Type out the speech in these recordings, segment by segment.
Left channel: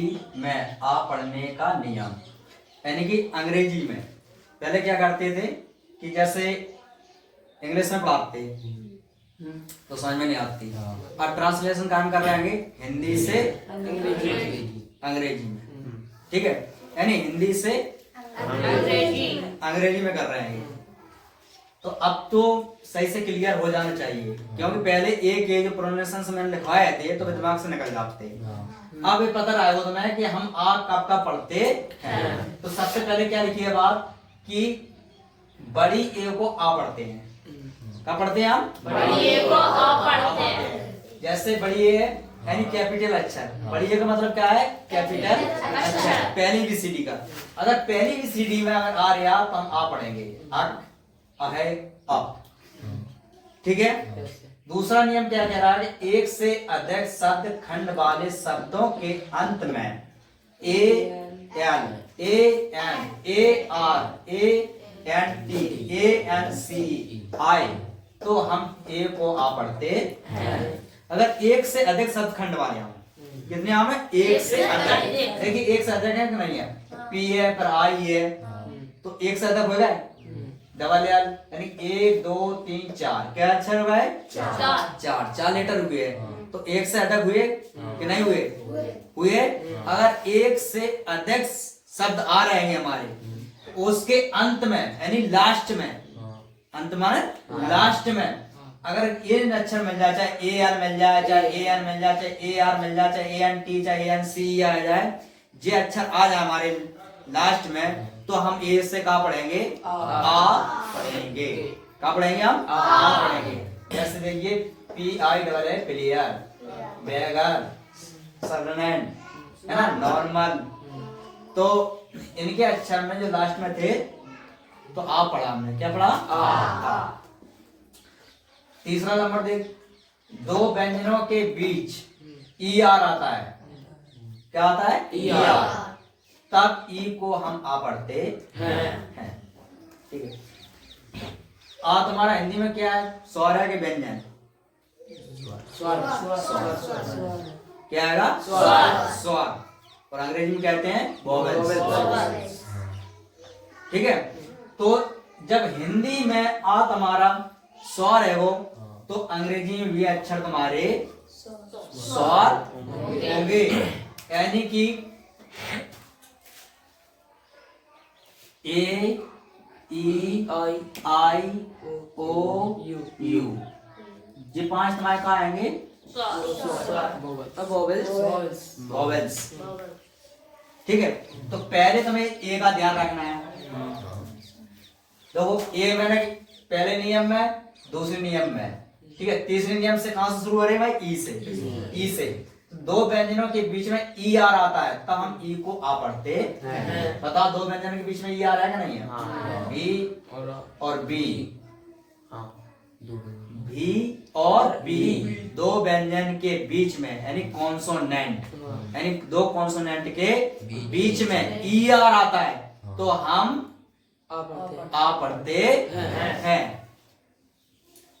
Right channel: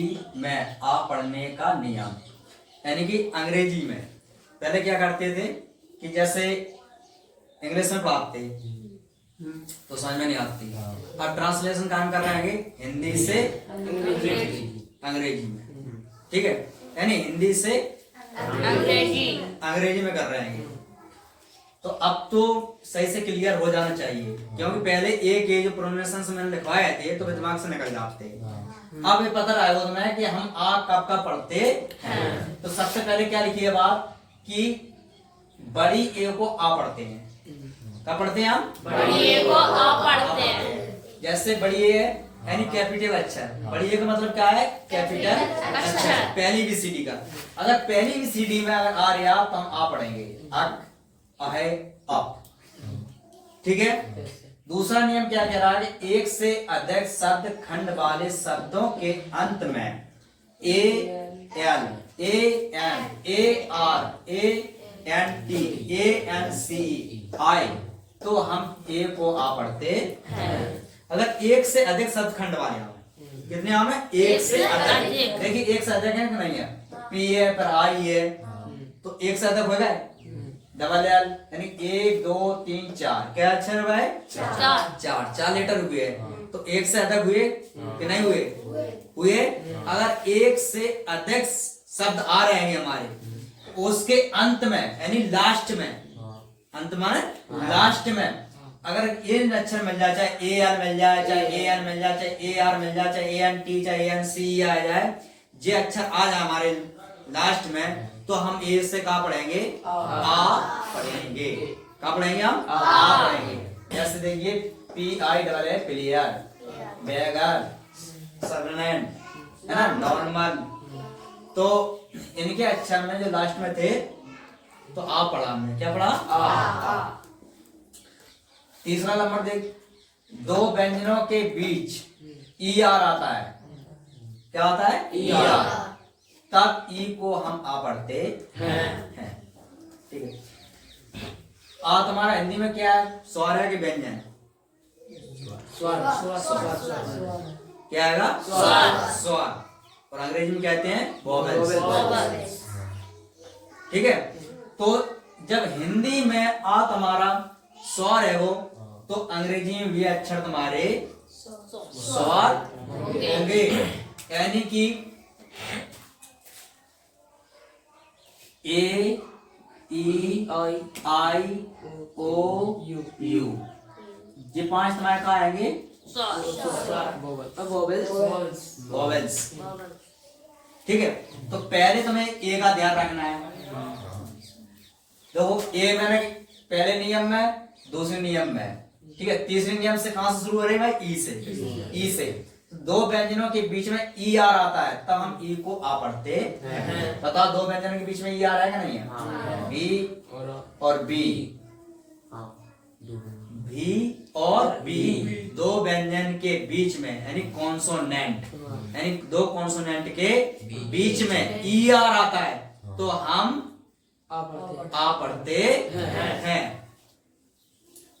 अंग्रेजी में आ पढ़ने का नियम। यानी कि अंग्रेजी में पहले क्या करते थे कि जैसे इंग्लिश में पढ़ाते तो समझ में नहीं आती। अब ट्रांसलेशन काम कर रहे हैं हिंदी से अंग्रेजी में, ठीक है, यानी हिंदी से अंग्रेजी में कर रहे हैं। तो अब तो सही से क्लियर हो जाना चाहिए, क्योंकि पहले एक एक प्रोनाउंसिएशन से मैंने लिखवाए थे तो दिमाग से निकल जाते। अब ये पता रहा होता है कि हम आ कब का पढ़ते हैं। तो सबसे पहले क्या लिखी है बात कि बड़ी ए को आ पढ़ते हैं। कब पढ़ते हैं हम? बड़ी ए को आ पढ़ते हैं। जैसे बड़ी ए है यानी कैपिटल अक्षर। बड़ी ए का मतलब क्या है? कैपिटल अक्षर। पहली बीसीडी का, अगर पहली बीसीडी में अगर आ रहा तो हम आ पढ़ेंगे, अक है अप, ठीक है। दूसरा नियम क्या कह रहा है? एक से अधिक शब्द खंड वाले शब्दों के अंत में A L A N A R A N T A N C I तो हम ए को आ पढ़ते हैं। अगर एक से अधिक शब्द खंड वाले हम कितने आम है? एक से अधिक। देखिए एक से अधिक है कि नहीं है? पी है पर आई है तो एक से अधिक हो गए डबल एल, यानी 1 2 3 4 क्या अक्षर हुआ है? चार लेटर हुए। तो एक से अधिक हुए कि नहीं हुए? अगर एक से अधिक शब्द आ रहे हैं हमारे तो उसके अंत में यानी लास्ट में, अंत माने लास्ट में अगर ये अक्षर मिल जाए, चाहे ए एल मिल जाए, चाहे ए एन मिल जाए, चाहे ए आर मिल जाए, चाहे ए एन टी, चाहे ए एन सी आ जाए, ये अक्षर आ जाए हमारे लास्ट में तो हम ए से क्या पढ़ेंगे? आ पढ़ेंगे। क्या पढ़ेंगे हम? आ पढ़ेंगे। जैसे देखिए P I double A player, beggar, servant, है ना, नॉर्मल। तो इनके अक्षर में जो लास्ट में थे तो आ पढ़ा हमने। क्या पढ़ा? आ। तीसरा नंबर देख, दो व्यंजनों के बीच ई आर आता है। क्या आता है? E R. तब ई को हम आ पढ़ते हैं, ठीक है। आ तुम्हारा हिंदी में क्या है? स्वर है कि व्यंजन? क्या आएगा? स्वर। और अंग्रेजी में कहते हैं वोवेल्स, ठीक है। तो जब हिंदी में आ तुम्हारा स्वर है वो, तो अंग्रेजी में भी अक्षर तुम्हारे स्वर होंगे। यानी कि ए ई आई ओ यू, ये 5 तुम्हारे कहाँ आएंगे? वोवेल्स, ठीक है। तो पहले तुम्हें ए का ध्यान रखना है। देखो ए मैंने पहले नियम में, दूसरे नियम में, ठीक है। तीसरे नियम से कहां से शुरू हो रहे हैं भाई? ई से। ई से दो व्यंजनों के बीच में ई आर आता है तब हम ई को आ पढ़ते हैं। बताओ दो व्यंजनों के बीच में ई आर है कि नहीं है? बी और बी, भी और बी, दो व्यंजन के बीच में यानी कॉन्सोनेंट, यानी दो कॉन्सोनेंट के बीच में ई आर आता है तो हम आ पढ़ते हैं,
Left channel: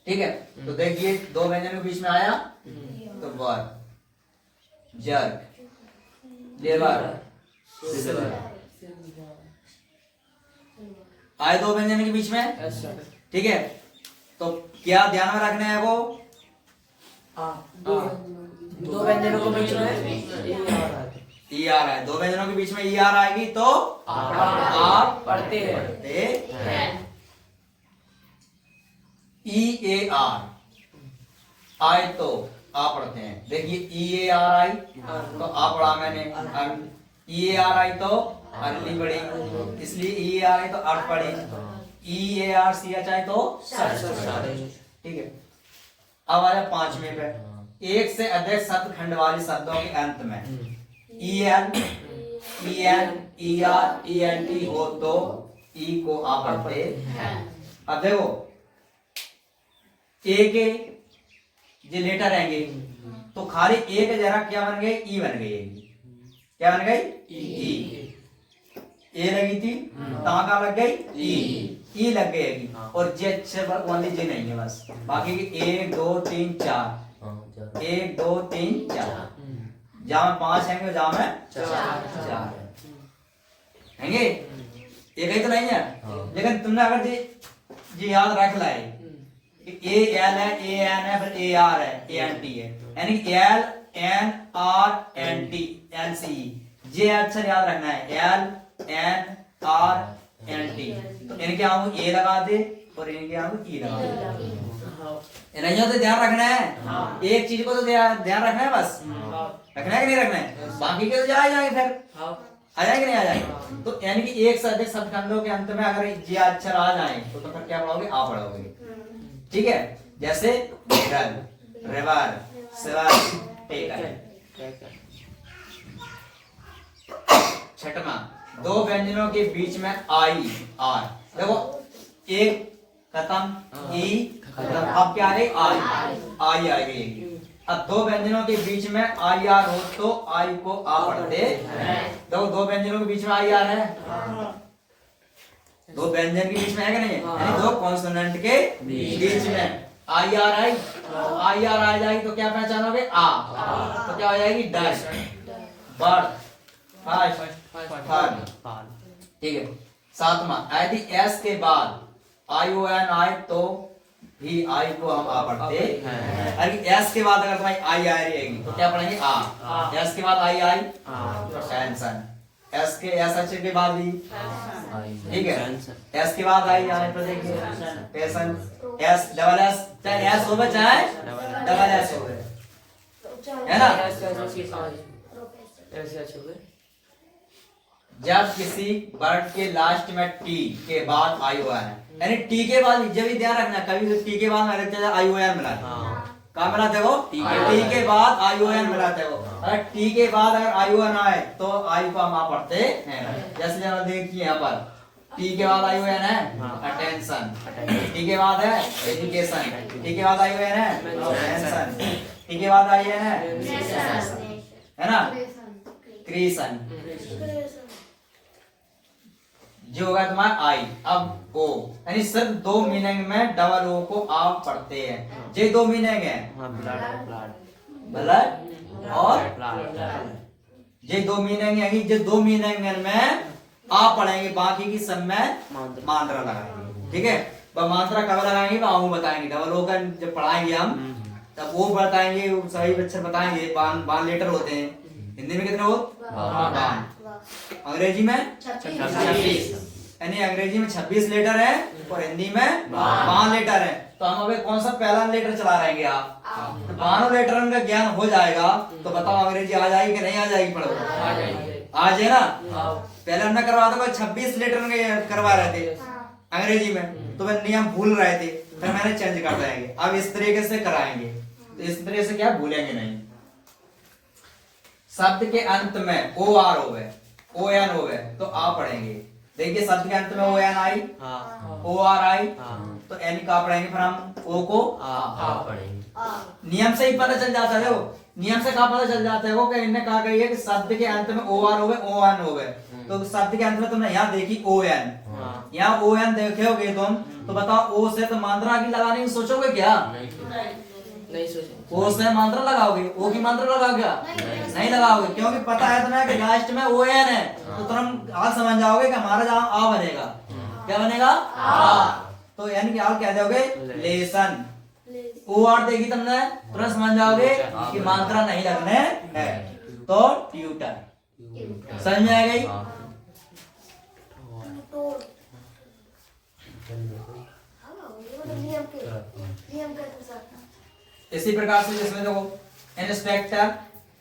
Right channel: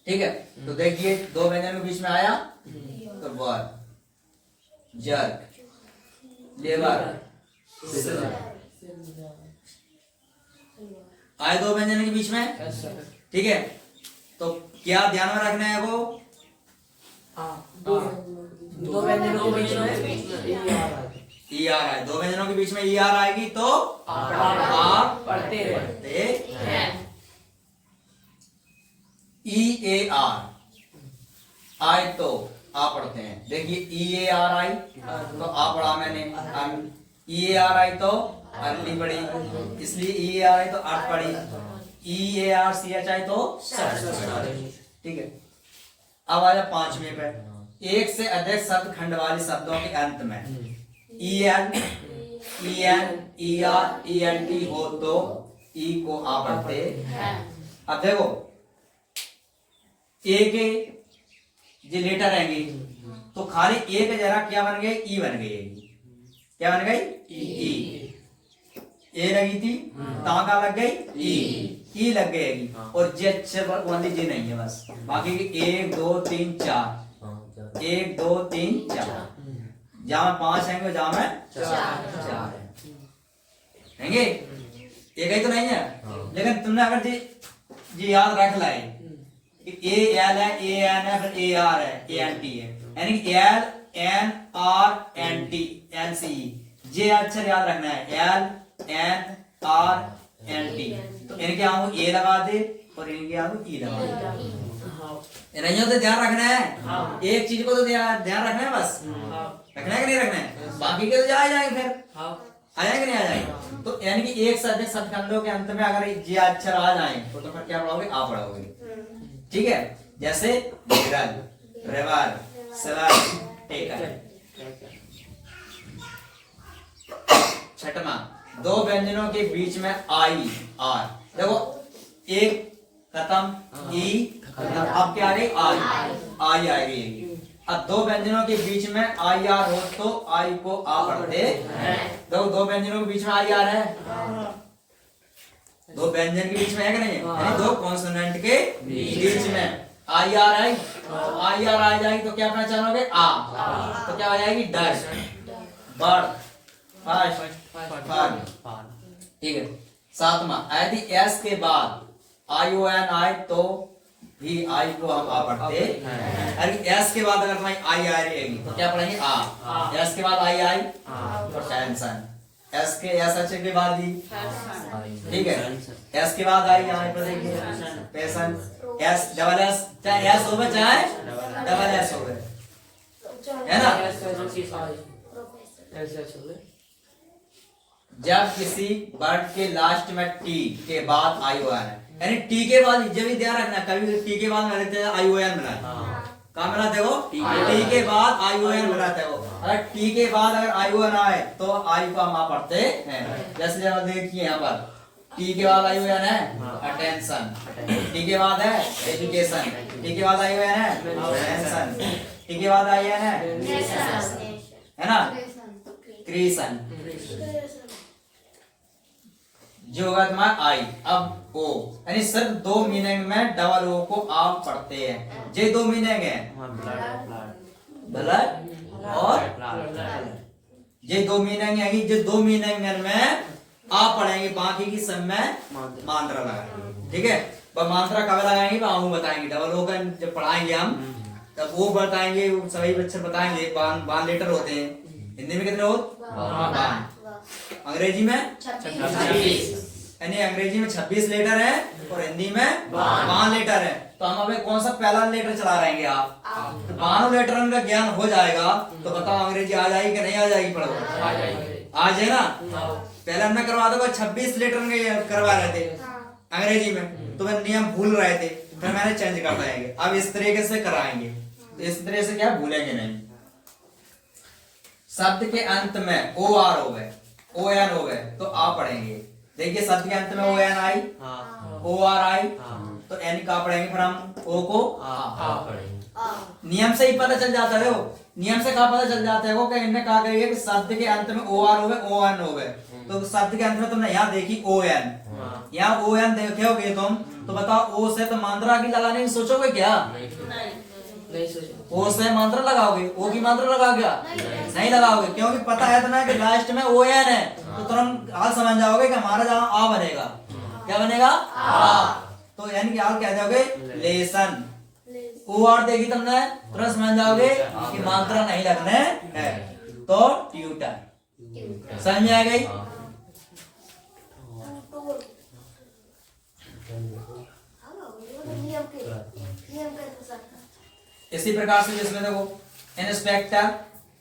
ठीक है। तो देखिए दो व्यंजन के बीच में आया तो वर्ब, जर्क, लेबर, आए दो व्यंजन के बीच में, ठीक है। तो क्या ध्यान में रखना है? वो दो व्यंजनों के बीच में ई आर है। दो व्यंजनों के बीच में ई आर आएगी तो आप पढ़ते हैं। ई ए आर आए तो आ पढ़ते हैं। देखिए ई ए आर आई तो आ पढ़ा मैंने, ई ए आर आई तो अगली पढ़ी, इसलिए ई ए आर आई तो अर्थ पढ़ी, ई A R C H I तो सर्च, ठीक है। अब आया 5वें पे, एक से अधिक शब्द खंड वाले शब्दों के अंत में E N E N E R E N T हो तो ई को आ पढ़ते हैं। अब देखो ए के जो लेटर रहेंगे तो खाली ए के जरा क्या बन गए? ई बन गई। क्या बन गई? ई। ए लगी थी कहां का लग गई? ई लग गई। और जे अक्षर पर ओनली जे नहीं है बस, बाकी 1 2 3 4 1 2 3 4 जहाँ में 5 हैंगे जहाँ में 4 हैंगे। एक ही तो नहीं है, लेकिन तुमने अगर जी याद रख लाए ए एल है, ए एन है, फिर ए आर है, ए एन टी है, यानी L N R N T L C, जे अक्षर याद रखना है, L N R N T. तो इनके आगे ए लगा दे और इनके आगे ई लगा दे, नहीं तो ध्यान रखना है, एक चीज को तो ध्यान रखना है, बस रखना है कि नहीं रखना है, बाकी के तो आ जाएंगे, फिर आ जाएंगे नहीं आ जाएंगे। तो यानी कि एक से अधिक शब्दखंडों के अंत में अगर ये अक्षर आ जाए तो फिर क्या पढ़ोगे, आ पढ़ोगे, ठीक है। जैसे रग, रिवर, सिवर, टेकर। छठवां, दो व्यंजनों के बीच में आई आर, देखो एक खत्म, ई अब क्या आ रही, आई आ गई। अब दो व्यंजनों के बीच में आई आर हो तो आई को आ पढ़ते, देखो दो व्यंजनों के बीच में आई आर है, दो व्यंजन के बीच में है कि नहीं, यानी दो कॉन्सोनेंट के बीच में I R I, I R आ जाएगी तो क्या पहचानोगे, आ, तो क्या हो जाएगी, डर, बर्ड, फाड़, ठीक है। सातवां, यदि एस के बाद आई ओ एन आए तो भी आई को हम आ पढ़ते, अरे एस के बाद अगर तुम्हारी आई आ रहेगी तो क्या पढ़ेंगे, आ, एस के बाद आई आई तो टेंशन, एस के एस अक्षर के बाद भी, ठीक है, एस के बाद आई आने पर देखिए पेशन, एस डबल एस, चाहे एस हो चाहे डबल एस हो, है ना। जब किसी वर्ड के लास्ट में टी के बाद आई ओ एन है, यानी टी के बाद, जब भी ध्यान रखना, कभी टी के बाद आई ओ एन मिला, कहाँ मिला देखो, टी के बाद आई ओ एन मिला देखो, अगर टी के बाद अगर आई ओ एन आए तो आई को हम आ पढ़ते हैं। जैसे जरा देखिए यहाँ पर टी के बाद आई ओ एन है, अटेंशन, टी के बाद है एजुकेशन, टी के बाद आई ओ एन है, अटेंशन, टी के बाद आई एन है ना, क्रिएशन, जो होगा तुम्हारा आई। अब ओ, यानी सिर्फ दो मीनिंग में डबल ओ को आप पढ़ते हैं, ये दो मीनिंग है, ब्लड और ये दो मीनिंग है, ये दो मीनिंग में आप पढ़ेंगे, बाकी की सब में मात्रा लगाएंगे, ठीक है। पर मात्रा कब लगाएंगे, वो बताएंगे, डबल ओ का जब पढ़ाएंगे हम तब वो बताएंगे, सभी बच्चे बताएंगे, बान लेटर होते हैं, हिंदी में कितने होते, अंग्रेजी में 26, यानी अंग्रेजी में 26 लेटर है और हिंदी में 5 लेटर है। तो हम अभी कौन सा पहला लेटर चला रहेंगे, आप तो 5 लेटर का ज्ञान हो जाएगा तो बताओ अंग्रेजी आ जाएगी कि नहीं आ जाएगी, पढ़ो आ जाए ना। पहले हमने करवा था 26 लेटर करवा रहे थे अंग्रेजी में, तो वह नियम भूल रहे थे, फिर मैंने चेंज कर देंगे, अब इस तरीके से कराएंगे, तो इस तरह से क्या भूलेंगे नहीं। शब्द के अंत में ओ आर हो गए, ओ एन हो गए तो आप पढ़ेंगे, देखिए शब्द के अंत में ओ एन आई, ओ आर आई, तो एन का पढ़ेंगे, फिर हम ओ को आ पढ़ेंगे। नियम से ही पता चल जाता है, वो नियम से कहा पता चल जाता है, वो कि इनने कहा गई है कि शब्द के अंत में ओ आर हो गए, ओ एन हो गए, तो शब्द के अंत में तुमने यहाँ देखी ओ एन, यहाँ ओ एन देखोगे तुम तो बताओ ओ से तो मात्रा की लगाने की सोचोगे क्या, नहीं सोचे, ओ से मात्रा लगाओगे, ओ की मात्रा लगाओगे क्या, नहीं लगाओगे, क्योंकि पता है तुम्हें कि लास्ट में ओ एन है, तो तुरंत हाल समझ जाओगे कि हमारा जहाँ आ बनेगा, क्या बनेगा, आ, तो यानी कि हाल क्या दोगे, लेसन, ओ आर देखी तुमने तुरंत समझ जाओगे कि मात्रा नहीं लगने है, तो ट्यूटर, समझ में आ गई। इसी प्रकार से जिसमें देखो इंस्पेक्टर,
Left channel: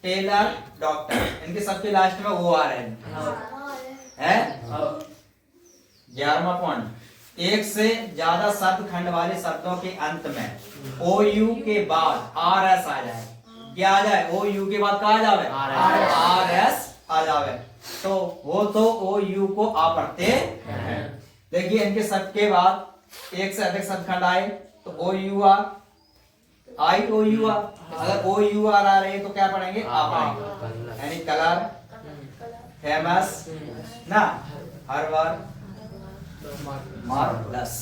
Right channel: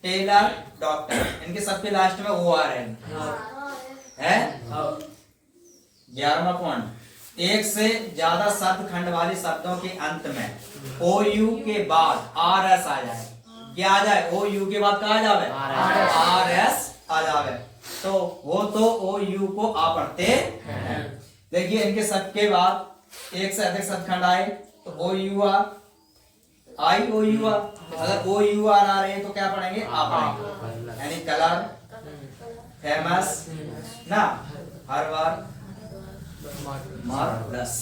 टेलर, डॉक्टर, इनके सबके लास्ट में ओ आर है। 11वां पॉइंट, एक से ज्यादा शब्द खंड वाले शब्दों के अंत में ओ यू के बाद आर एस आ जाए, क्या आ जाए, ओ यू के बाद क्या आ जाए, आर एस आ जाए, तो वो तो ओ यू को आ पढ़ते हैं। देखिए इनके सबके बाद एक से अधिक शब्द खंड आए तो O U R, I O U R, अगर ओ यू आर आ रहे तो क्या पढ़ेंगे, आ पढ़ेंगे, यानी कलर, फेमस ना, हर बार, मार्वलस।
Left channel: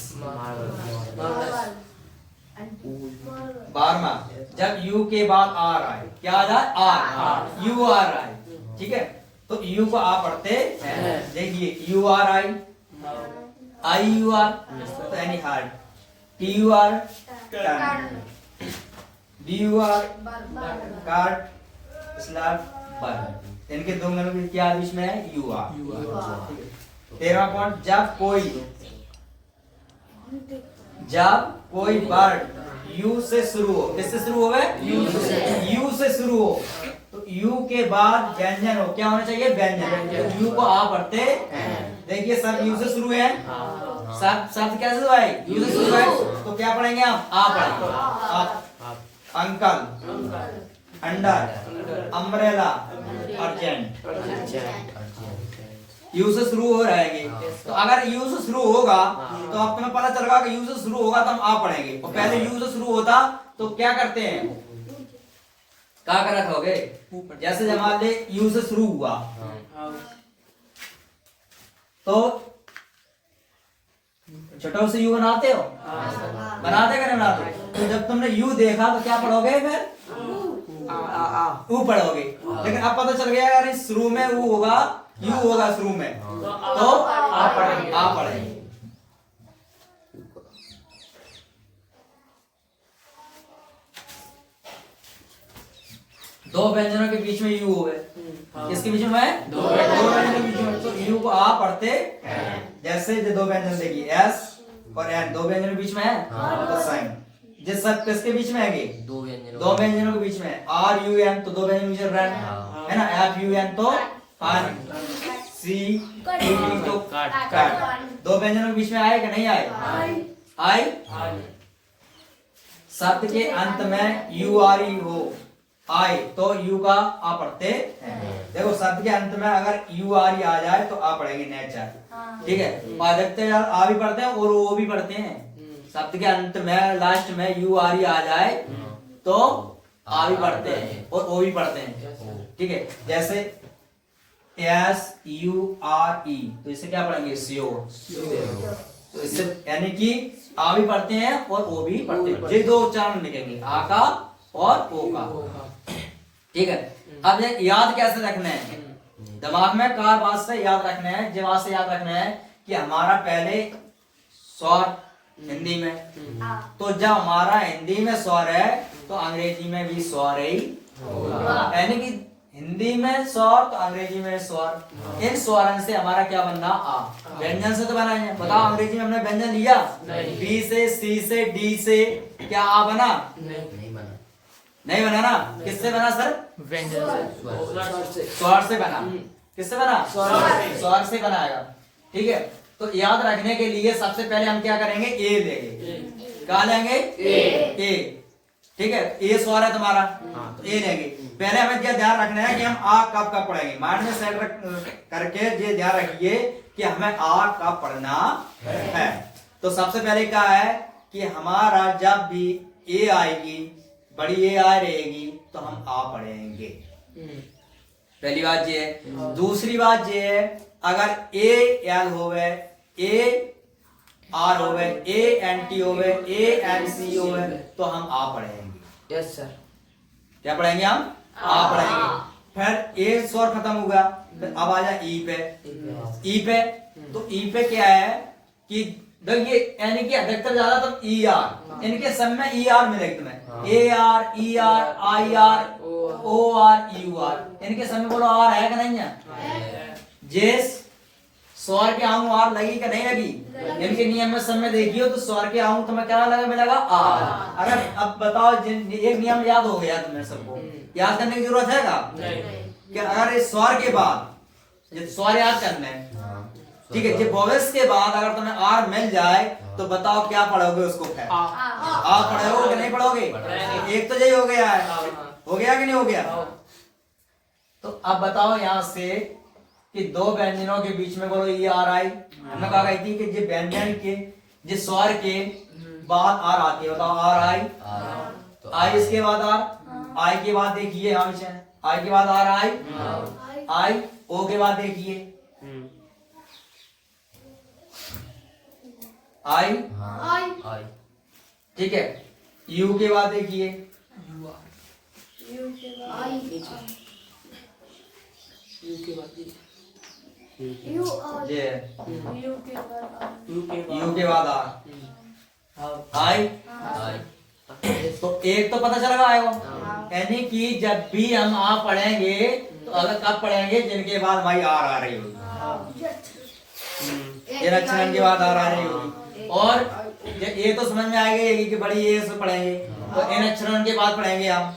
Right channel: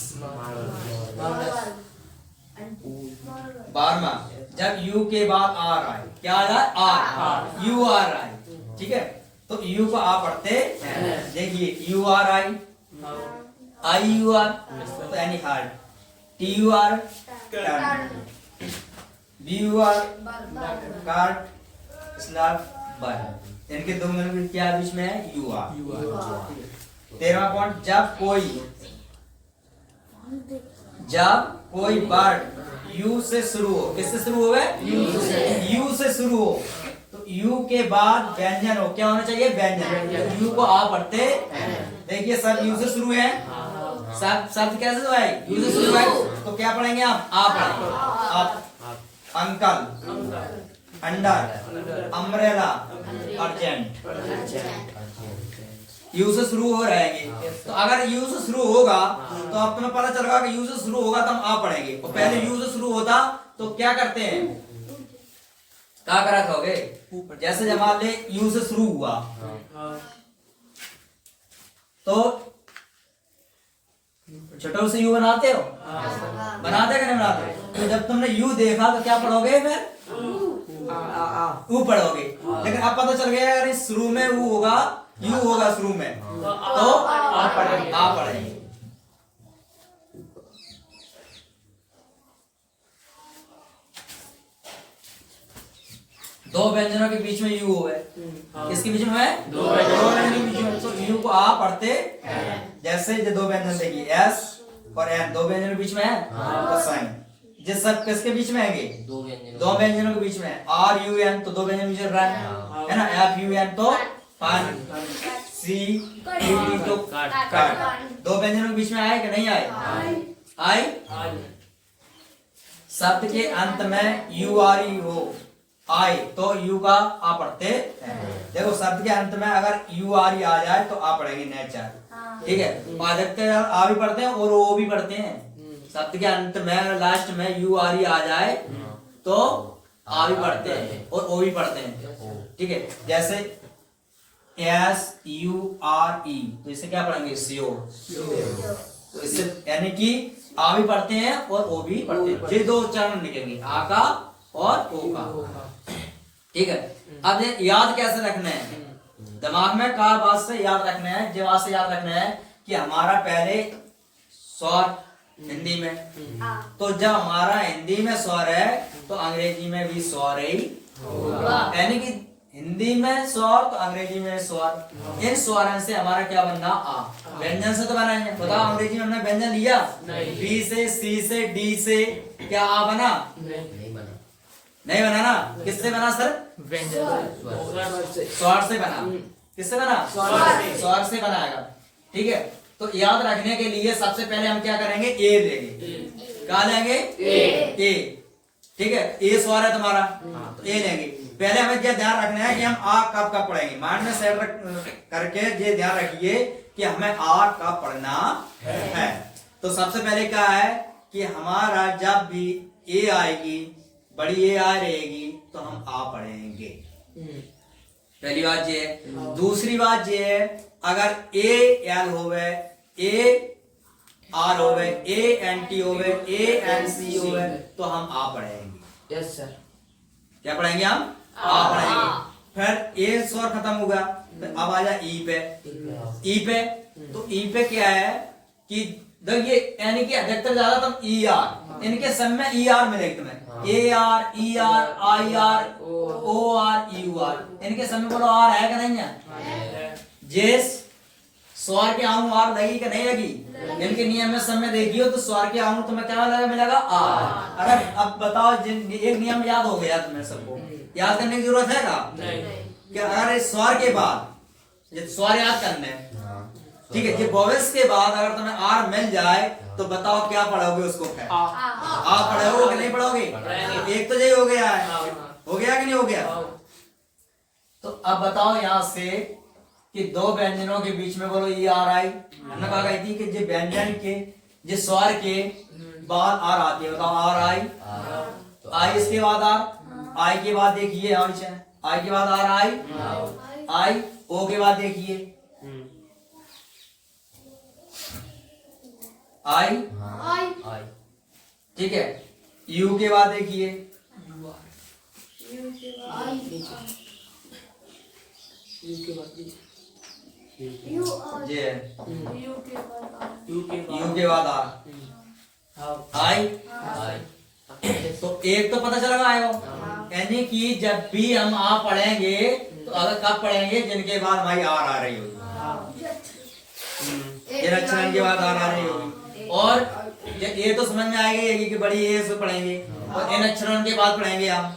12वां, जब यू के बाद आर आए, क्या आ जाए आर, यू आर आए, ठीक है। तो यू को आप पढ़ते हैं, देखिए U R I, I U R तो यानी hurt, T U R turn, B U R काट, स्लैब बर्न। इनके दो मिनट क्या बीच में है, यू आर। 13वां पॉइंट, जब कोई वर्ड यू से शुरू हो, किससे शुरू हो गए, यू से शुरू हो, तो यू के बाद व्यंजन हो, क्या होना चाहिए, व्यंजन। यू को आ पढ़ते, देखिए सब यू से शुरू है, शब्द कैसे हुआ है, यू से शुरू है, तो क्या पढ़ेंगे आप, आ पढ़ेंगे। आप uncle, under, umbrella, urgent, you से शुरू हो रहेंगे। तो अगर यू से शुरू होगा तो अब तुम्हें पता चलेगा कि यू से शुरू होगा तो हम आ पढ़ेंगे, और पहले यू से शुरू होता तो क्या करते हैं, क्या कर रखोगे, जैसे जब मान ले यू से शुरू हुआ तो छोटा से यू बनाते हो, बनाते कि नहीं बनाते। तो जब तुमने यू देखा तो क्या पढ़ोगे, फिर ऊ पढ़ोगे। लेकिन अब पता चल गया यार इस शुरू में ऊ होगा, यू होगा शुरू में, तो आ पढ़ेंगे। दो व्यंजनों के बीच में यू हो गए, किसके बीच में है, दो व्यंजनों के बीच में, तो यू को आ पढ़ते, जैसे जो दो व्यंजन देखिए एस और एन, दो व्यंजनों के बीच में है तो साइन, जिस सब किसके बीच में है, दो व्यंजनों के बीच में है, आर यू एन तो दो व्यंजनों के बीच में रन है ना, एफ यू एन तो फन, सी टी तो काट, दो व्यंजनों के बीच में आए कि नहीं आए, आई। शब्द के अंत में यू आर ई हो आए तो यू का आ पढ़ते हैं। देखो शब्द के अंत में अगर यू आर ई आ जाए तो आ पढ़ेंगे नेचर, ठीक है। अधिकतर आ भी पढ़ते हैं और ओ भी पढ़ते हैं। शब्द के अंत में लास्ट में यू आर ई आ जाए तो आ भी पढ़ते हैं और ओ भी पढ़ते हैं, ठीक है। जैसे एस यू आर ई, तो इसे क्या पढ़ेंगे, श्योर। तो इससे यानी कि आ भी पढ़ते हैं और ओ भी पढ़ते हैं, ये दो उच्चारण लिखेंगे, आ का और ओ का, ठीक है। अब ये याद कैसे रखना है, दिमाग में का बात से याद रखना है, जवाब से याद रखना है कि हमारा पहले स्वर हिंदी में, तो जब हमारा हिंदी में स्वर है तो अंग्रेजी में भी स्वर ही होगा, यानी कि हिंदी में स्वर तो अंग्रेजी में स्वर, इन स्वरों से हमारा क्या बनना, आ। व्यंजन से तो बना है, बताओ अंग्रेजी में हमने व्यंजन लिया, बी से, सी से, डी से, क्या आ बना, नहीं बना ना, किससे बना सर, स्वर से बना, किससे बना, स्वर से बनाएगा, ठीक है। तो याद रखने के लिए सबसे पहले हम क्या करेंगे, ए लेंगे, क्या लेंगे, ए, ठीक है। ए स्वर है तुम्हारा तो ए लेंगे। पहले हमें यह ध्यान रखना है कि हम आ कब कब पढ़ेंगे, माइंड में सेट करके ये ध्यान रखिए कि हमें आ कब पढ़ना है। तो सबसे पहले क्या है कि हमारा जब भी ए आएगी, बड़ी ए आ रहेगी तो हम आ पढ़ेंगे, पहली बात ये है। दूसरी बात ये है अगर ए एल होवे, ए आर होवे, ए एन टी होवे, ए एन सी होवे तो हम आ पढ़ेंगे, यस सर। क्या पढ़ेंगे, हम आ पढ़ेंगे। फिर ए स्वर खत्म हो गया, फिर अब आ जाए ई पे, ई पे, तो ई पे क्या है कि देखिए यानी कि अधिकतर ज्यादा तुम ई आर, इनके सब में ई आर मिलेगी तुम्हें, A R, E R, I R, O R, U R, इनके सब में बोलो आर है कि नहीं है, जिस स्वर के आऊं आर लगी कि नहीं लगी, इनके नियम में सब में देखियो तो स्वर के आऊं तुम्हें क्या लगा, मिलेगा आर। अगर अब बताओ एक नियम याद हो गया तुम्हें सबको, याद करने की जरूरत है कि अगर इस स्वर के बाद स्वर याद करना है, ठीक है, ये वॉवेल्स के बाद अगर तुम्हें आर मिल जाए तो बताओ क्या पढ़ोगे उसको, आ पढ़ोगे कि नहीं पढ़ोगे, एक तो यही हो गया है, हो गया कि नहीं हो गया। तो अब बताओ यहां से कि दो व्यंजनों के बीच में बोलो ई आर आई, हमने कहा गई थी कि जो व्यंजन के जो स्वर के बाद आर आती है, बताओ आर आई, आई इसके बाद आर, आई के बाद देखिए आई के बाद आर आई, आई ओ के बाद देखिए आई, ठीक है, यू के बाद देखिए यू के बाद ये है। यू के बाद यू के बाद आई। तो एक तो पता चल रहा है वो, यानी कि जब भी हम आ पढ़ेंगे तो अगर कब पढ़ेंगे जिनके बाद हमारी आर आ रही होगी, ये लक्षण के बाद आर आ रही होगी। और ये तो समझ में आएगी कि बड़ी ए से पढ़ेंगे और इन अक्षरों के बाद पढ़ेंगे हम,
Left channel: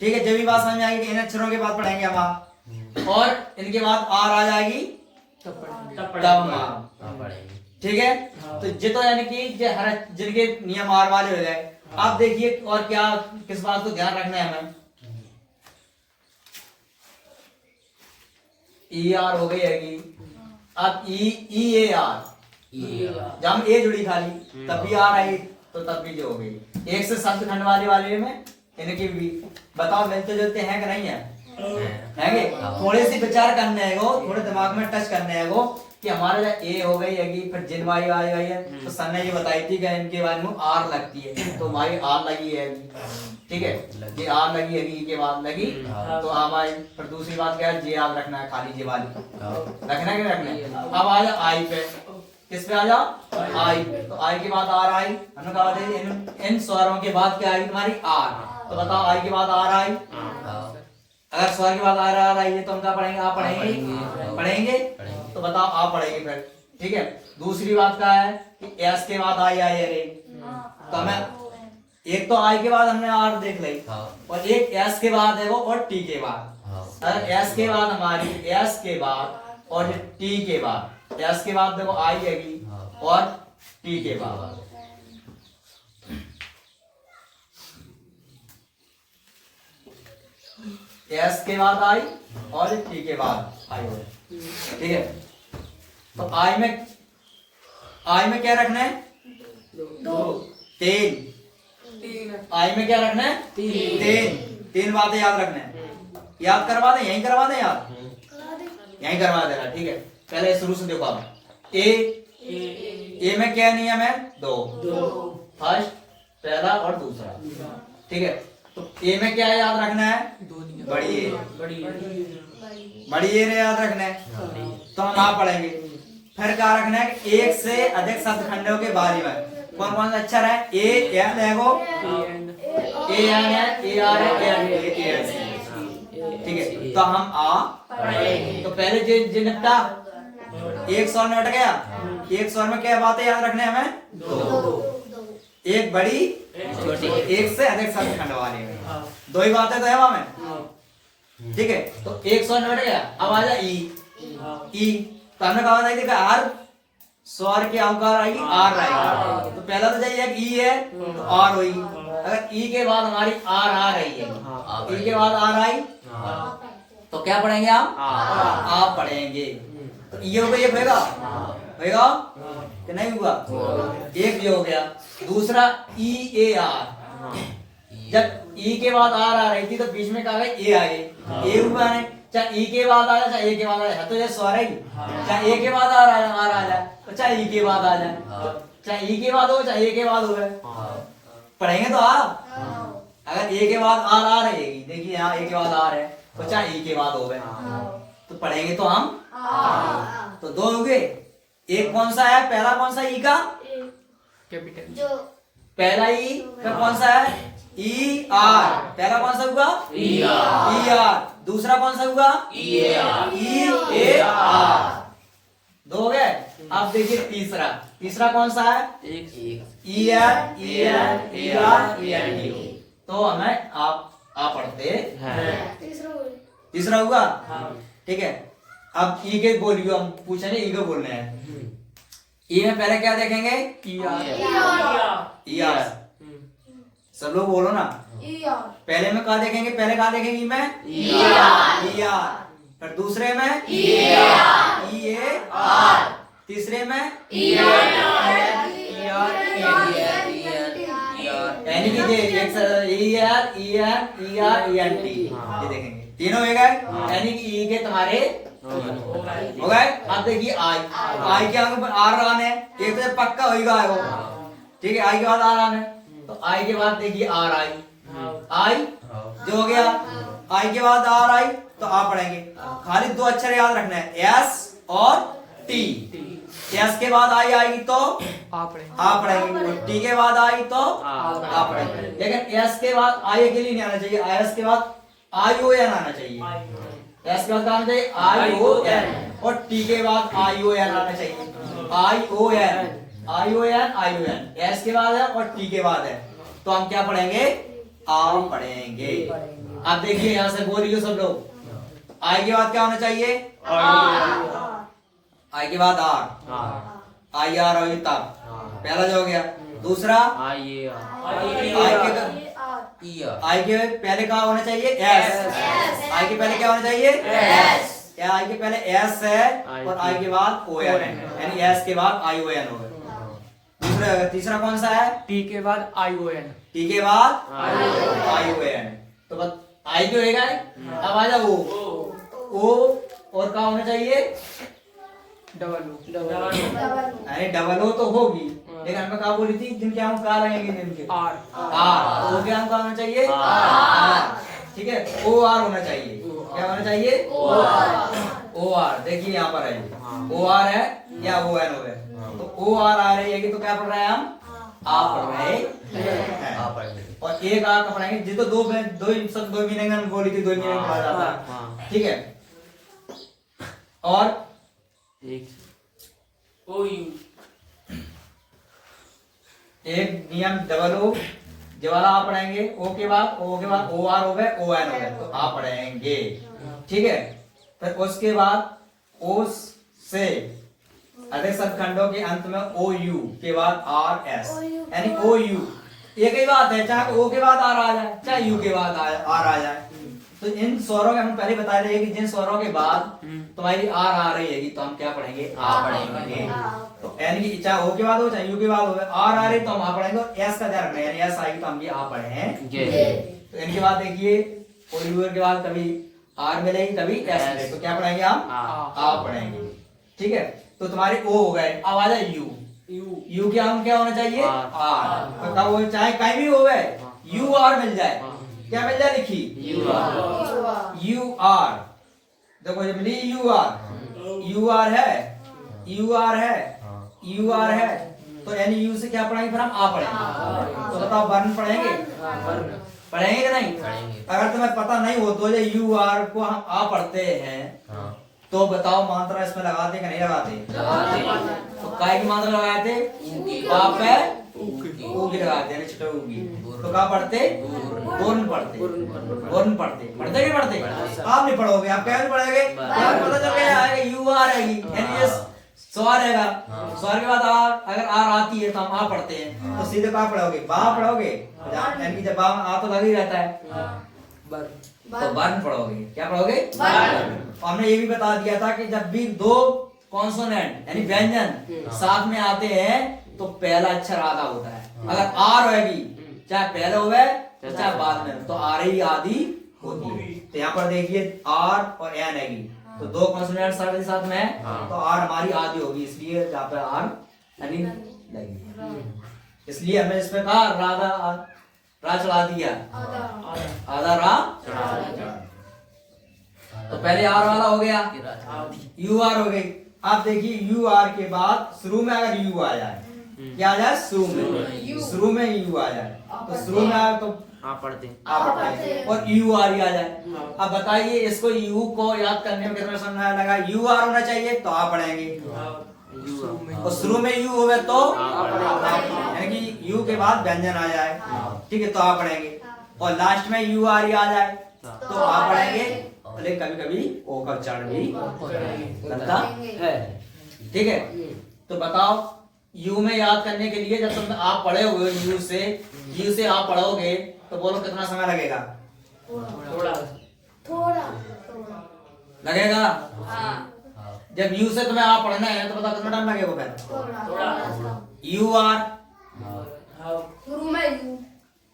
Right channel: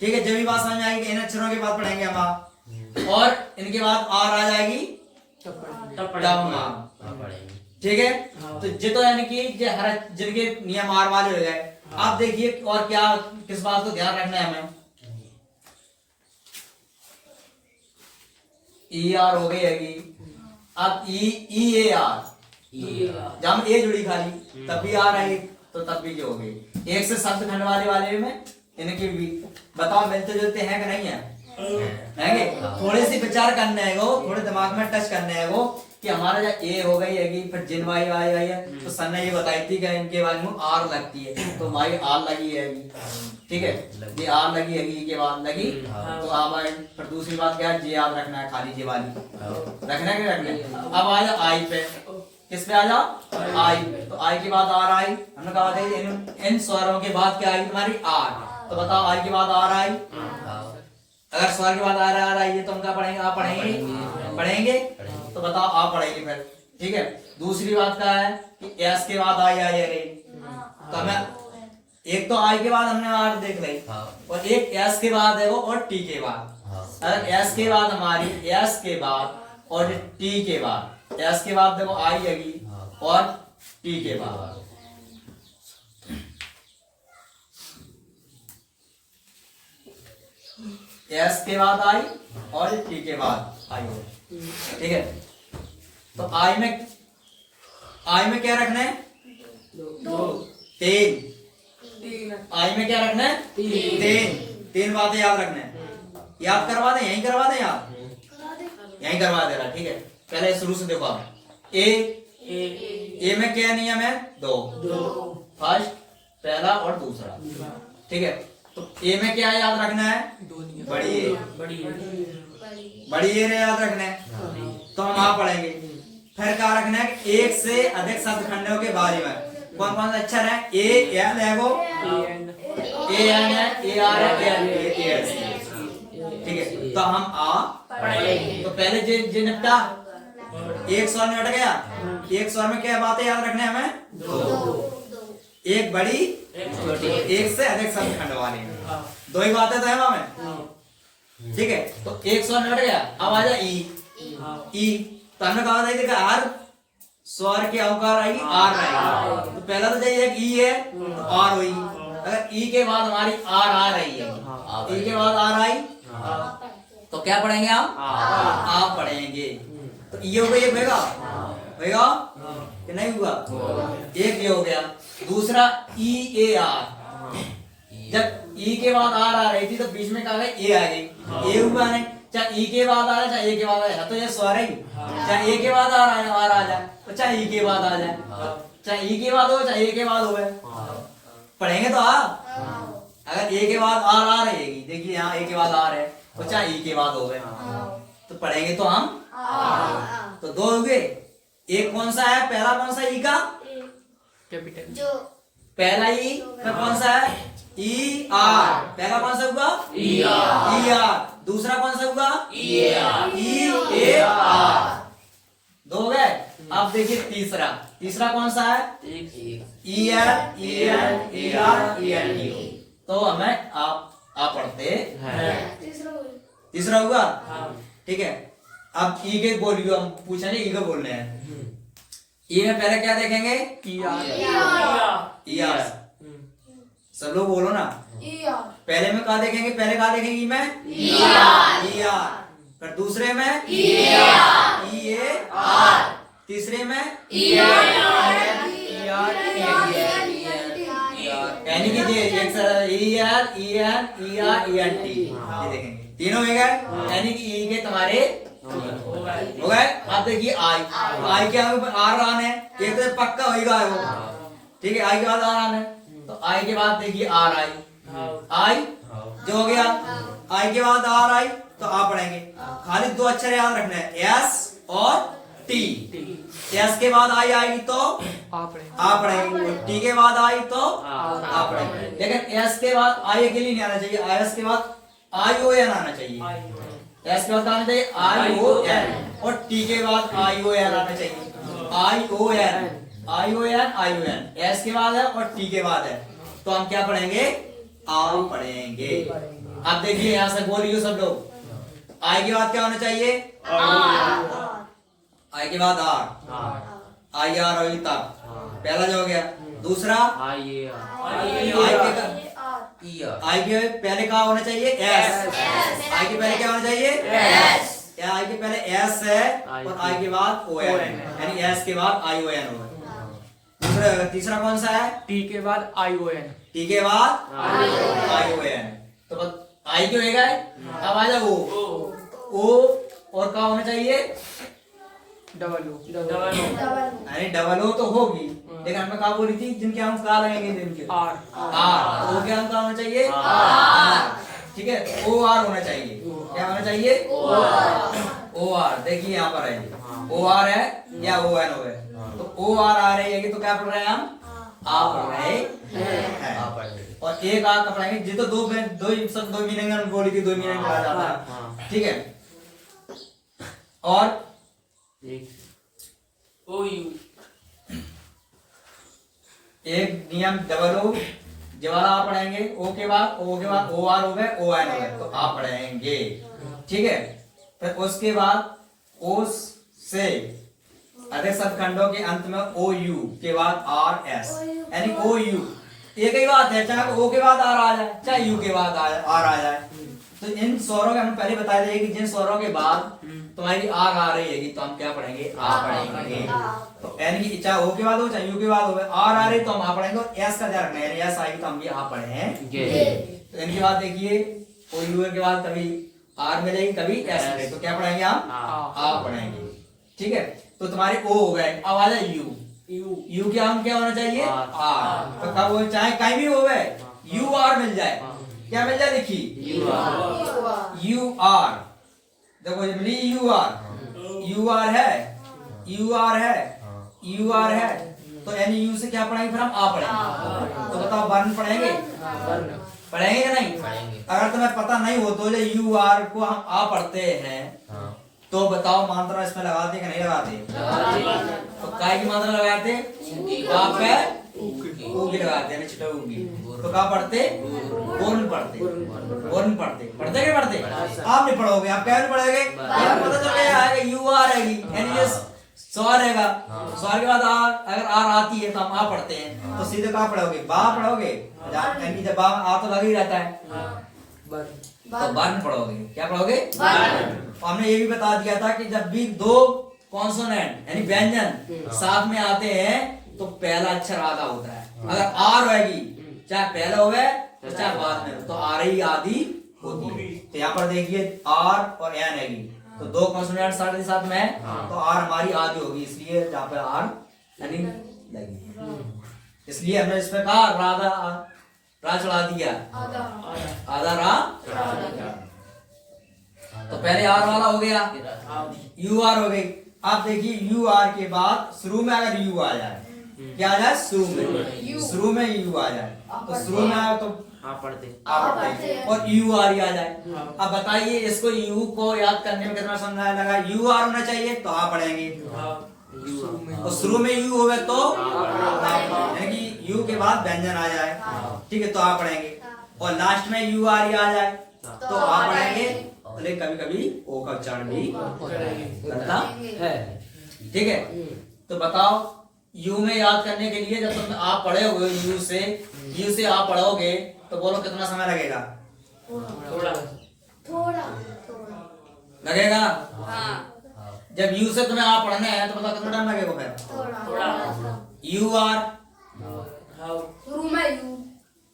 ठीक है। जब भी बात समझ में आएगी कि इन अक्षरों के बाद पढ़ेंगे हम और इनके बाद आर आ जाएगी तब हम पढ़ेंगे, ठीक है। तो ये तो यानी कि ये हर जिनके नियम आर वाले हो गए। आप देखिए और क्या किस बात को ध्यान रखना है हमें, ई आर हो गई है। अब ई ए आर, जब हम ए जुड़ी खाली तब भी आर आई तो तब भी जो हो गई। एक से शब्द खंड वाले में इनके भी बताओ मिलते जुलते हैं कि नहीं है? थोड़े से विचार करने है वो, थोड़े दिमाग में टच करने है वो कि हमारा जब ए हो गई है फिर जिन वाई आई है तो सर ने ये बताई थी कि इनके बारे में आर लगती है तो हमारी आर लगी है, ठीक है। ये आर लगी है के बाद लगी तो हमारी फिर दूसरी बात क्या है, जे याद रखना है खाली, जे वाली रखना है कि रखना है। अब आ जा आई पे, किस पे आ जा आई पे, तो आई के बाद आर आई। हमने कहा था इन स्वरों के बाद क्या आई तुम्हारी आर, तो बताओ आई के बाद आर आई। अगर स्वर के बाद आ रही है तो हम क्या पढ़ेंगे, आप पढ़ेंगे तो बताओ आप पढ़ेंगे फिर, ठीक है। दूसरी बात क्या है कि एस के बाद आई अरे, तो हमें एक तो आई के बाद हमने आर देख ली और एक एस के बाद है वो और टी के बाद। अगर एस के बाद हमारी एस के बाद और टी के बाद, एस के बाद देखो आई आएगी और टी के बाद, एस के बाद आई और टी के बाद आई हो, ठीक है। तो आई में क्या रखना है, तीन। आई में क्या रखना है, तीन बातें याद रखना है। याद करवा दे, यहीं करवा दे, यहीं करवा दे रहा, ठीक है। पहले शुरू से देखो आप, ए में क्या नियम है, दो, फर्स्ट पहला और दूसरा, ठीक है। तो ए में क्या याद रखना है, बड़ी ए याद रखना है, तो हम वहां पढ़ेंगे। फिर क्या रखना है, एक से अधिक शब्द खंडों के बारे में कौन कौन सा अक्षर है, ए एन है वो, ए एन है, ए आर है, ए एस, ठीक है। तो हम आ पढ़ेंगे। तो पहले जो निपटा एक स्वर में हट गया, एक स्वर में क्या बातें याद रखने हमें, दो, एक बड़ी एक से अधिक शब्द खंड वाले में, दो ही बातें तो है वहां में, ठीक है। तो एक स्वर में हट गया, अब आ जा ई, तो हमने कहा था देखा आर स्वर के अवकार आएगी आर रहेगी, तो पहला तो चाहिए ई है तो आर होगी। अगर ई के बाद हमारी आर आ रही है, ई के बाद आर आई तो क्या पढ़ेंगे आप पढ़ेंगे। तो ये हो गया, ये होगा कि नहीं हुआ, एक ये हो गया। दूसरा ई ए आर, जब ई के बाद आर आ रही थी तो बीच में कहा गया ए आ गई, ए हुआ है, चाहे ई के बाद आ जाए चाहे ए के बाद आ जाए, तो ये स्वर है, चाहे ए के बाद आर आ जाए तो चाहे ई के बाद आ जाए, चाहे ई के बाद हो चाहे ए के बाद हो गए, पढ़ेंगे तो आप। अगर ए के बाद आर आ रहेगी, देखिए यहाँ ए के बाद आर है तो चाहे ई के बाद हो गए, तो पढ़ेंगे तो हम तो दो हो गए। एक कौन सा है, पहला कौन सा ई का कैपिटल, पहला ई, फिर कौन सा है ई आर, पहला कौन सा हुआ ई आर, दूसरा कौन सा हुआ ई ए आर, दो हो गए। अब देखिए तीसरा कौन सा है E N E N E R E N T, तो हमें आप पढ़ते हैं। तीसरा हुआ, ठीक है। अब ई के बोलियो, हम पूछेंगे ई को बोलने हैं। ई में पहले क्या देखेंगे, ई आर, सब लोग बोलो ना, पहले में क्या देखेंगे, पहले क्या देखेंगे ई में ई आर, फिर दूसरे में ई ए आर, तीसरे में यानी कि E R E N E R E N T, ये देखेंगे तीनों हो गए, यानी कि ई के तुम्हारे हो गए। अब देखिए आई के आगे आर आने, एक तो पक्का होगा वो, ठीक है। आई के बाद आर आने, तो आई के बाद देखिए आर आई, आई जो हो गया, आई के बाद आर आई तो आ पढ़ेंगे। खाली दो अक्षर याद रखना है, एस और टी। एस के बाद आई आएगी तो आ पढ़ेंगे, और टी के बाद आई तो आ पढ़ेंगे। लेकिन एस के बाद आई के लिए नहीं आना चाहिए, एस के बाद आई ओ एन आना चाहिए। एस के बाद क्या आना चाहिए, आई ओ एन, और टी के बाद आई ओ एन आना चाहिए, आई ओ एन, आई ओ एन, आई ओ एन। एस के बाद है और टी के बाद है, तो हम क्या पढ़ेंगे, आम पढ़ेंगे। आप देखिए यहां से बोलिए सब लोग, आई के बाद क्या होना चाहिए, आई के बाद आर, आई आर होगी तब, पहला जो हो गया। दूसरा आई के पहले क्या होना चाहिए, एस। आई के पहले क्या होना चाहिए, एस। आई के पहले एस है और आई के बाद ओ एन, यानी एस के बाद आई ओ एन होगा। दूसरा तीसरा कौन सा है, टी के बाद आई ओ एन, टी के बाद आई ओ एन, तो बस आई क्यों होगा। अब आ जाओ ओ, और क्या होना चाहिए, डबल ओ, अरे डबल ओ तो होगी, लेकिन हमने कहा बोली थी जिनके हम कहा रहेंगे जिनके आर, आर, तो क्या हम कहा होना चाहिए, आर, ठीक है। ओ आर होना चाहिए, क्या होना चाहिए, ओ आर। देखिए यहाँ पर है ओ आर है या ओ एन ओ है, तो ओ आर आ रही है तो क्या पढ़ रहे हैं हम, आ पढ़ रहे हैं। और एक आ का पढ़ाएंगे, जितो दो मीनिंग हम बोली थी, दो मीनिंग पढ़ा जाता है, ठीक है। और एक नियम डबल ओ जवाला आप पढ़ाएंगे, ओ के बाद ओ आर हो गए, ओ एन हो गए, तो आप पढ़ाएंगे, ठीक है। फिर उसके बाद ओ से अधिक शब्दखंडों के अंत में ओ यू के बाद आर एस, यानी ओ यू एक ही बात है, चाहे ओ के बाद आर आ जाए चाहे यू के बाद आर आ जाए। तो इन स्वरों के हम पहले बता रहे हैं कि जिन स्वरों के बाद तुम्हारी आर आ रही है तो हम क्या पढ़ेंगे, आ पढ़ेंगे। तो यानी कि चाहे ओ के बाद हो चाहे यू के बाद हो, आर आ रही तो हम आ पढ़ेंगे, और एस का ध्यान रखना है, एस आएगी तो हम भी आ पढ़ेंगे। तो इनके बाद देखिए ओ यू के बाद कभी आर मिलेगी कभी एस मिलेगी, तो क्या पढ़ेंगे हम, आ पढ़ेंगे, ठीक है। तो तुम्हारे ओ हो गए, अब आ जाए यू, यू के हम क्या होना चाहिए, आर। तो कब हो, चाहे कहीं भी हो गए यू आर मिल जाए, क्या मिल जाए, देखिए यू आर, देखो ये मिली यू आर, यू आर है, यू आर है, यू आर है, तो यानी यू से क्या पढ़ेंगे, फिर हम आ पढ़ेंगे। तो बताओ वर्ण पढ़ेंगे, पढ़ेंगे कि नहीं, अगर तुम्हें पता नहीं हो तो यू आर को हम आ पढ़ते हैं, तो बताओ मात्रा इसमें लगाते कि नहीं लगाते, तो काय की मात्रा लगाते, आप है ऊगी लगाते हैं, छोटा ऊगी, तो क्या पढ़ते, गुण पढ़ते, गुण पढ़ते, पढ़ते कि पढ़ते, आप नहीं पढ़ोगे, आप क्या नहीं पढ़ोगे, पता चल गया आएगा यू आर आएगी, यानी ये स्वर रहेगा, स्वर के बाद आर, अगर आर आती है तो हम आ पढ़ते हैं, तो सीधे कहाँ पढ़ोगे, बा पढ़ोगे, यानी जब बा आ तो लग ही रहता है, तो वर्ण पढ़ोगे, क्या पढ़ोगे, हमने ये भी बता दिया था कि जब भी दो कॉन्सोनेंट यानी व्यंजन साथ में आते हैं तो पहला अक्षर आधा होता है। अगर आर होगी चाहे पहले हो गए तो चाहे बाद में, तो आर ही आदि होती है। तो यहाँ पर देखिए आर और एन हैगी, तो दो कॉन्सोनेंट साथ में है, तो आर हमारी आदि होगी, इसलिए जहाँ पे आर यानी लगी, इसलिए हमने इसमें कहा राधा रा चढ़ा दिया, आधा रा। तो पहले आर वाला हो गया, यू आर हो गई। आप देखिए यू आर के बाद शुरू में अगर यू आ जाए, क्या आ जाए, शुरू में यू आ जाए, तो शुरू में आए तो आप पढ़ते हैं, और यू आर ही आ जाए। अब बताइए इसको यू को याद करने में कितना समय लगा, यू आर होना चाहिए तो आप पढ़ेंगे, और शुरू में यू होवे तो यानी कि यू के बाद व्यंजन आ जाए, ठीक है, तो आप पढ़ेंगे, और लास्ट में यू आर ही आ जाए तो आप पढ़ेंगे, लेकिन कभी कभी ओ का उच्चारण भी बनता है, ठीक है। तो बताओ यू में याद करने के लिए जब तुम आप पढ़े हुए यू से आप पढ़ोगे तो बोलो कितना समय लगेगा, थोड़ा लगेगा। जब यू से तुम्हें आप पढ़ना है तो बताओ कितना टाइम लगेगा, फिर यू आर, शुरू में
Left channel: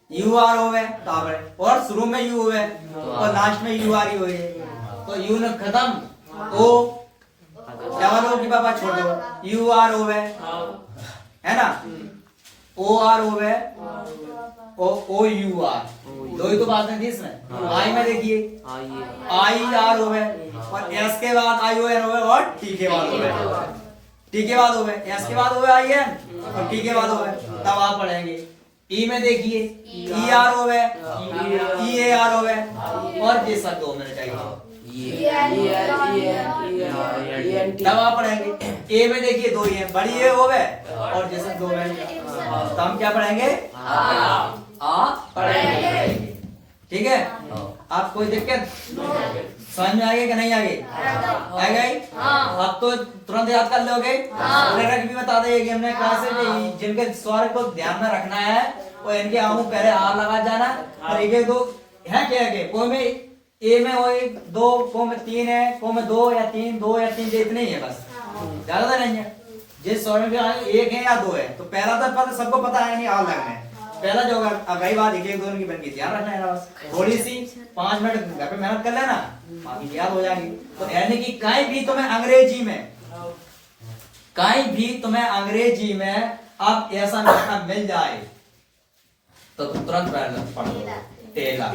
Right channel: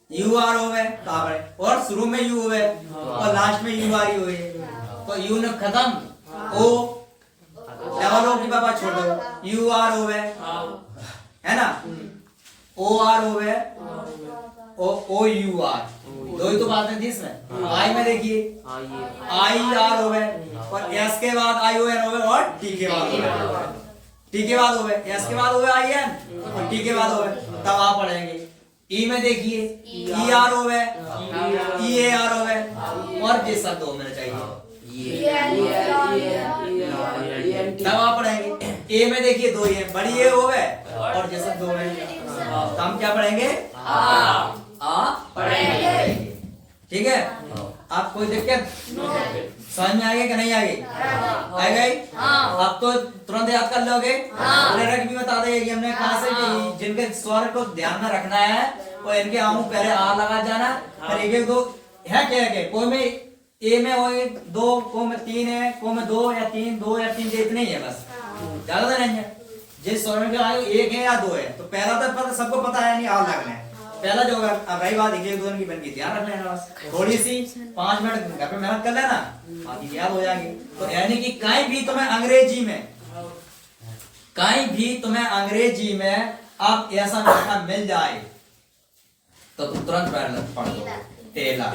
यू आर हो गए तो आप पढ़े, और शुरू में यू हुए और लास्ट में यू आर ही हुए, तो यू ने खत्म, ओ डबल ओ की बाबा छोड़ दो, यू आर हो गए है ना, ओ आर हो गए, ओ यू आर, दो ही तो बातें थी इसमें। आई में देखिए आई आर हो गए और एस के बाद आई ओ एन हो गए और टी के बाद हो गए, टी के बाद हो गए, एस के बाद हो गए आई एन और टी के बाद हो गए, तब आप पढ़ेंगे। ई में देखिए ई आर हो गए, ई ए आर हो गए और ये सब 2 मिनट चाहिए, तब आप पढ़ेंगे। ए में देखिए 2 ही है, बड़ी ए हो गए और ये सब 2 मिनट, तो हम क्या पढ़ेंगे आ पढ़ेंगे। ठीक है, आप कोई दिक्कत समझ में आएगी कि नहीं आएगी? आ गई? आप तो तुरंत याद कर लोगे। लेटर भी बता देंगे कि हमने कहाँ से जिनके स्वर को ध्यान में रखना है वो इनके आऊँ पहले आ लगा जाना, और एक दो है क्या है, कोई में ए में हो 2, को में 3 है, को में 2 या 3, 2 या 3 इतने ही है बस, ज्यादा नहीं है। जिस स्वर में 1 है या 2 है तो पहला तो पता सबको पता है नहीं, आ लगना है पहला जो। अगर अब रही बात 1-1-2 की बन गई, ध्यान रखना है बस, थोड़ी सी 5 मिनट घर पे मेहनत कर लेना, बाकी याद हो जाएगी। तो यानी कि कहीं भी तुम्हें अंग्रेजी में अब ऐसा मौका मिल जाए तो तुम तुरंत पढ़ लो टेलर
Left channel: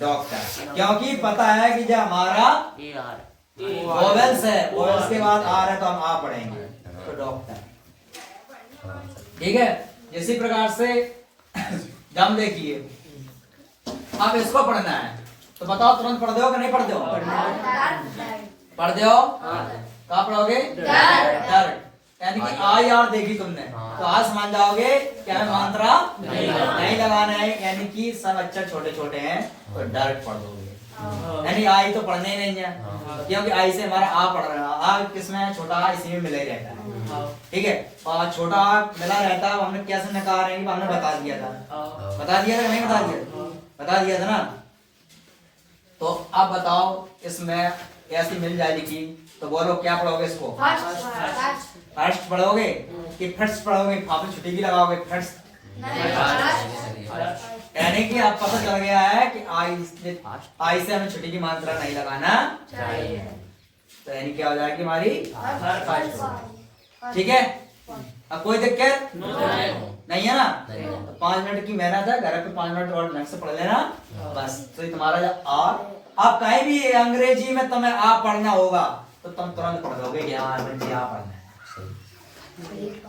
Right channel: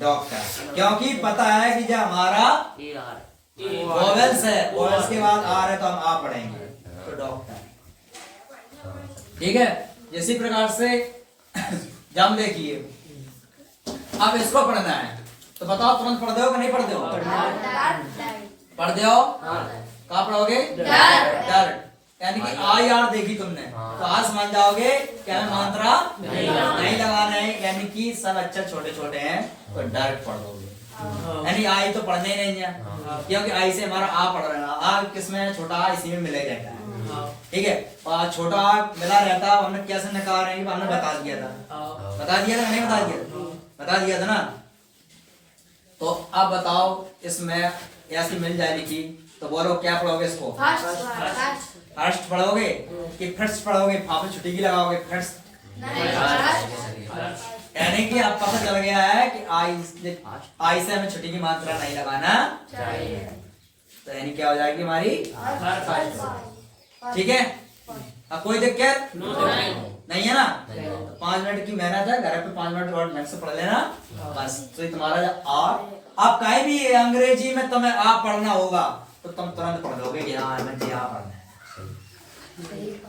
डॉक्टर, क्योंकि पता है कि जो हमारा वोवेल्स है, वोवेल्स के बाद आ रहा है तो हम आ पढ़ेंगे, तो डॉक्टर। ठीक है, इसी प्रकार से जब देखिए अब इसको पढ़ना है तो बताओ तुरंत पढ़ दो कि नहीं पढ़ते हो? पढ़ दो। कहाँ पढ़ोगे? डर, यानी कि आई आर देखी तुमने तो आज समझ जाओगे क्या मात्रा नहीं लगाना है, यानी कि सब अक्षर छोटे छोटे हैं तो डर पढ़ दोगे। यानी आई तो पढ़ने ही नहीं है, क्योंकि आई से हमारा आ पढ़ रहा है, आ किसमें छोटा आ इसी में मिला ही रहता है। ठीक है, और छोटा आ मिला रहता है, हमने कैसे नकार रहे हैं हमने बता दिया था, बता दिया था नहीं बता दिया? बता दिया था ना। तो अब बताओ इसमें ऐसी मिल जाए लिखी तो बोलो क्या पढ़ोगे इसको? फर्स्ट पढ़ोगे कि फर्स्ट पढ़ोगे? फाफी छुट्टी की लगाओगे फर्स्ट, यानी कि आप पता चल गया है कि आई से हमें छुट्टी की मात्रा नहीं लगाना चाहिए, तो यानी क्या हो जाएगी हमारी फर्स्ट। ठीक है, अब कोई दिक्कत नहीं है ना? तो 5 मिनट की मेहनत है, घर पे 5 मिनट और ढंग से पढ़ लेना बस, तो तुम्हारा जो आप कहीं भी अंग्रेजी में तुम्हें आ पढ़ना होगा तो तुम तुरंत पढ़ लोगे, यहाँ मुझे आ पढ़ना है।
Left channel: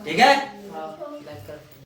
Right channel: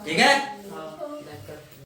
ठीक है।